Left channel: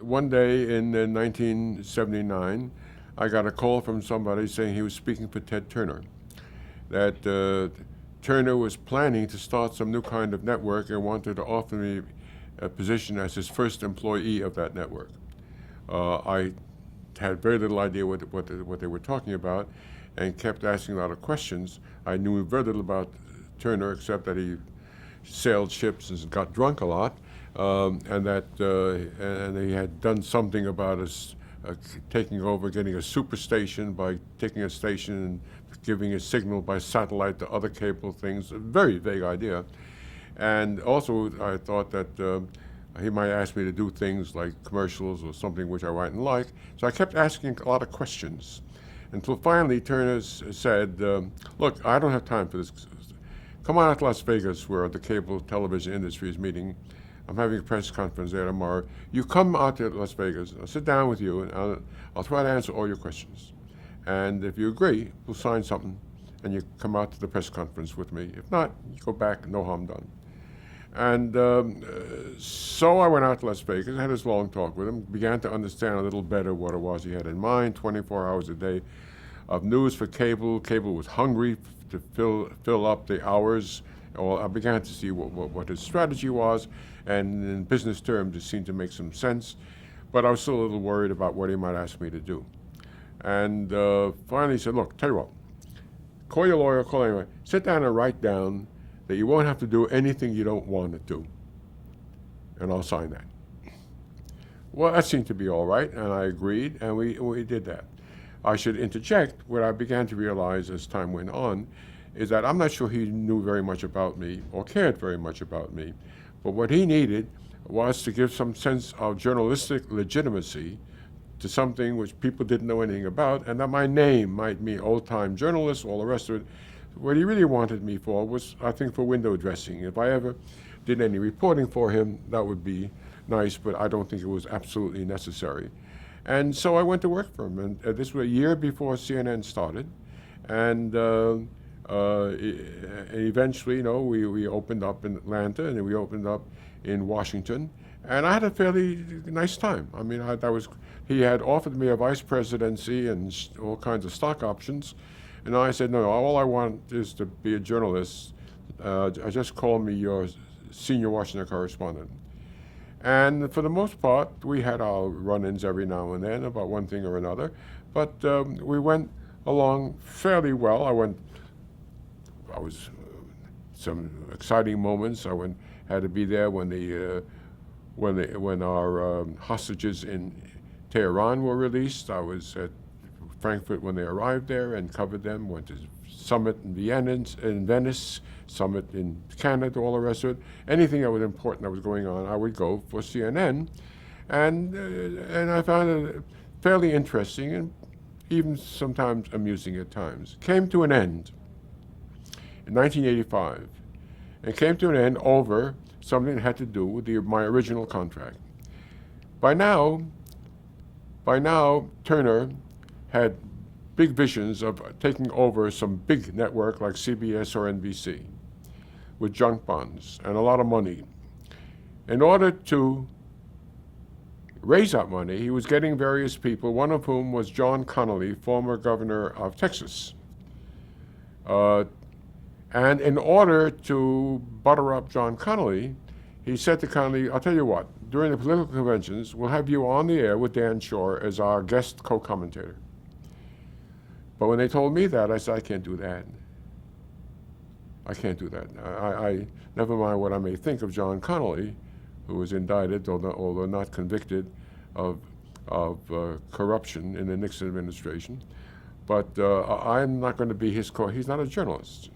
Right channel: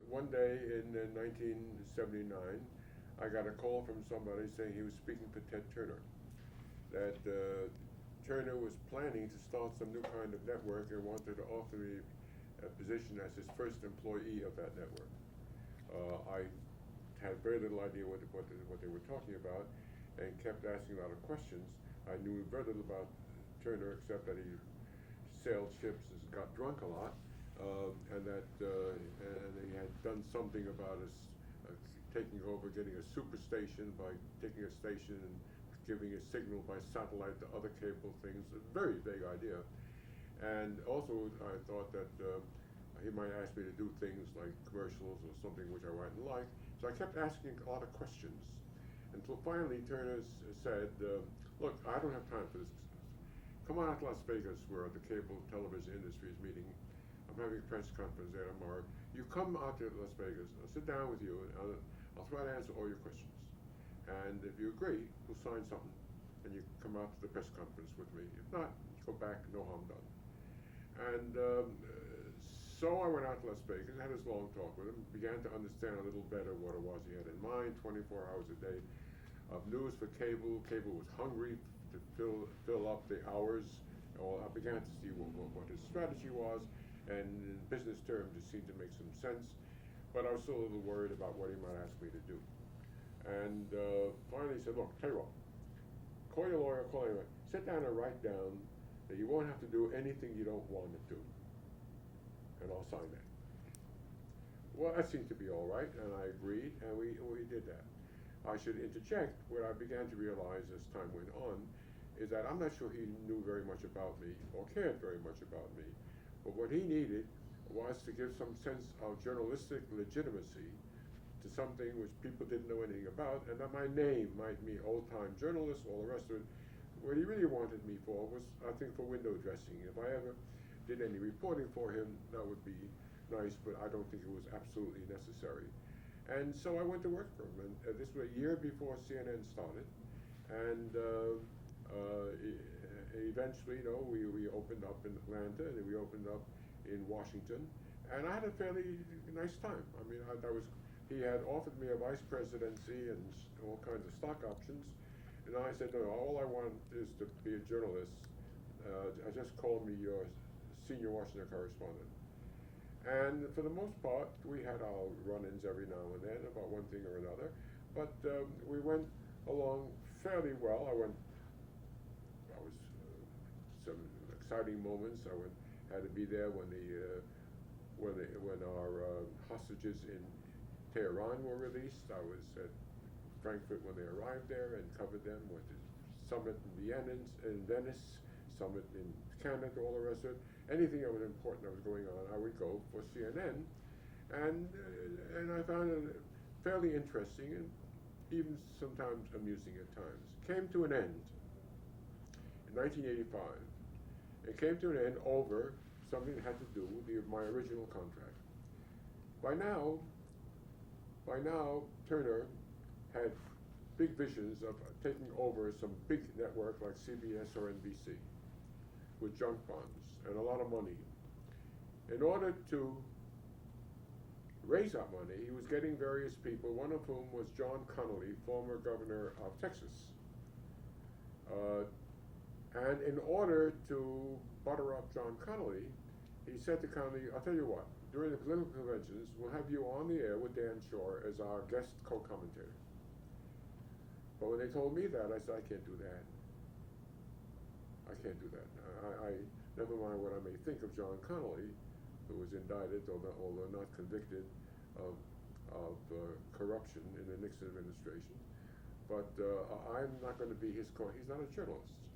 One day in 1979, I got a call from somebody saying he was speaking for Ted Turner, that Turner was planning to start some new kind of network and wanted to offer me a position as his first employee of that network. I had very little idea what they were talking about and kept asking a lot of questions. I knew very little about Turner except that he sailed ships and got drunk a lot, and he had done something about us taking over, getting a superstation by taking a station and giving a signal by satellite to other cable things. A very vague idea. And also, I thought that he might ask me to do things like commercials or something which I mightn't like. So I kept asking a lot of questions until finally Turner said, "Look, I don't have time for this. Come on out to Las Vegas, where the cable television industry is meeting. I'm having a press conference there tomorrow. You come out to Las Vegas. I'll sit down with you, and I'll try to answer all your questions. And if you agree, we'll sign something, and you come out to the press conference with me. If not, you go back, no harm done." And so I went out to Las Vegas, had this long talk with him, began to understand a little better what it was he had in mind, 24 hours a day of news for cable. Cable was hungry to fill up the hours. Well, I began to see what his strategy was, and in business terms, it seemed to make some sense. But I was still a little worried about what he might ask me to do. And finally, he said, "Look, tell you what, call your lawyer, call anyone, sit down and write down that you won't have to do anything you don't want to do, and I'll sign that." Well, that seemed to be all right, and I agreed, and we did that. I should interject what I began to realize as time went on is that I'm not sure he knew very much about me or cared very much about me, but what he needed was to give some sense of journalistic legitimacy to something which people didn't know anything about, and that my name might mean old-time journalist, all the rest of it. What he really wanted me for was, I think, for window dressing. If I ever did any reporting for him, that would be nice, but I don't think it was absolutely necessary. And so I went to work for him, and this was a year before CNN started, and eventually, we opened up in Atlanta, and then we opened up in Washington, and I had a fairly nice time. I mean, he had offered me a vice presidency and all kinds of stock options, and I said, "No, all I want is to be a journalist. Just call me your senior Washington correspondent." And for the most part, we had our run-ins every now and then about one thing or another, but we went along fairly well. I was some exciting moments. Had to be there when our hostages in Tehran were released. I was at Frankfurt when they arrived there and covered them. Went to summit in Venice, summit in Canada, all the rest of it. Anything that was important that was going on, I would go for CNN, and I found it fairly interesting and even sometimes amusing at times. Came to an end in 1985, and came to an end over something that had to do with my original contract. By now, Turner had big visions of taking over some big network like CBS or NBC with junk bonds and a lot of money. In order to raise that money, he was getting various people, one of whom was John Connally, former governor of Texas. And in order to butter up John Connally, he said to Connally, "I'll tell you what, during the political conventions, we'll have you on the air with Dan Schorr as our guest co-commentator." But when they told me that, I said, "I can't do that. I can't do that. I never mind what I may think of John Connally, who was indicted, although not convicted, of corruption in the Nixon administration. But I'm not going to be his he's not a journalist."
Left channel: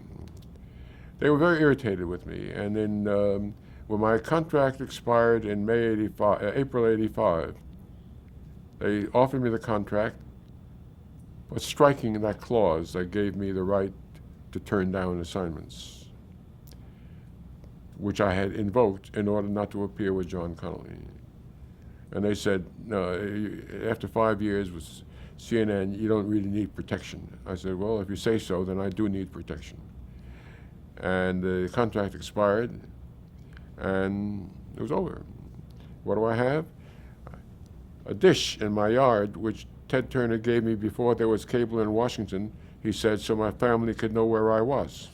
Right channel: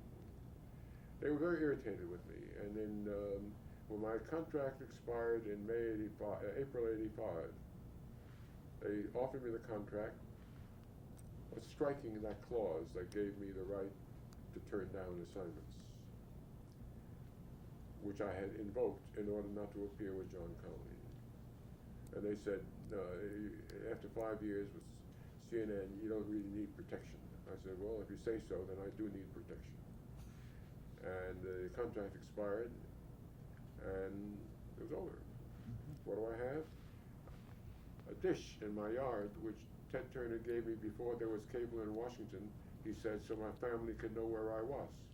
They were very irritated with me, and then when my contract expired in April '85, they offered me the contract, but striking that clause that gave me the right to turn down assignments, which I had invoked in order not to appear with John Connally. And they said, "No, after 5 years with CNN, you don't really need protection." I said, "Well, if you say so, then I do need protection." And the contract expired, and it was over. What do I have? a dish in my yard, which Ted Turner gave me before there was cable in Washington, he said, so my family could know where I was.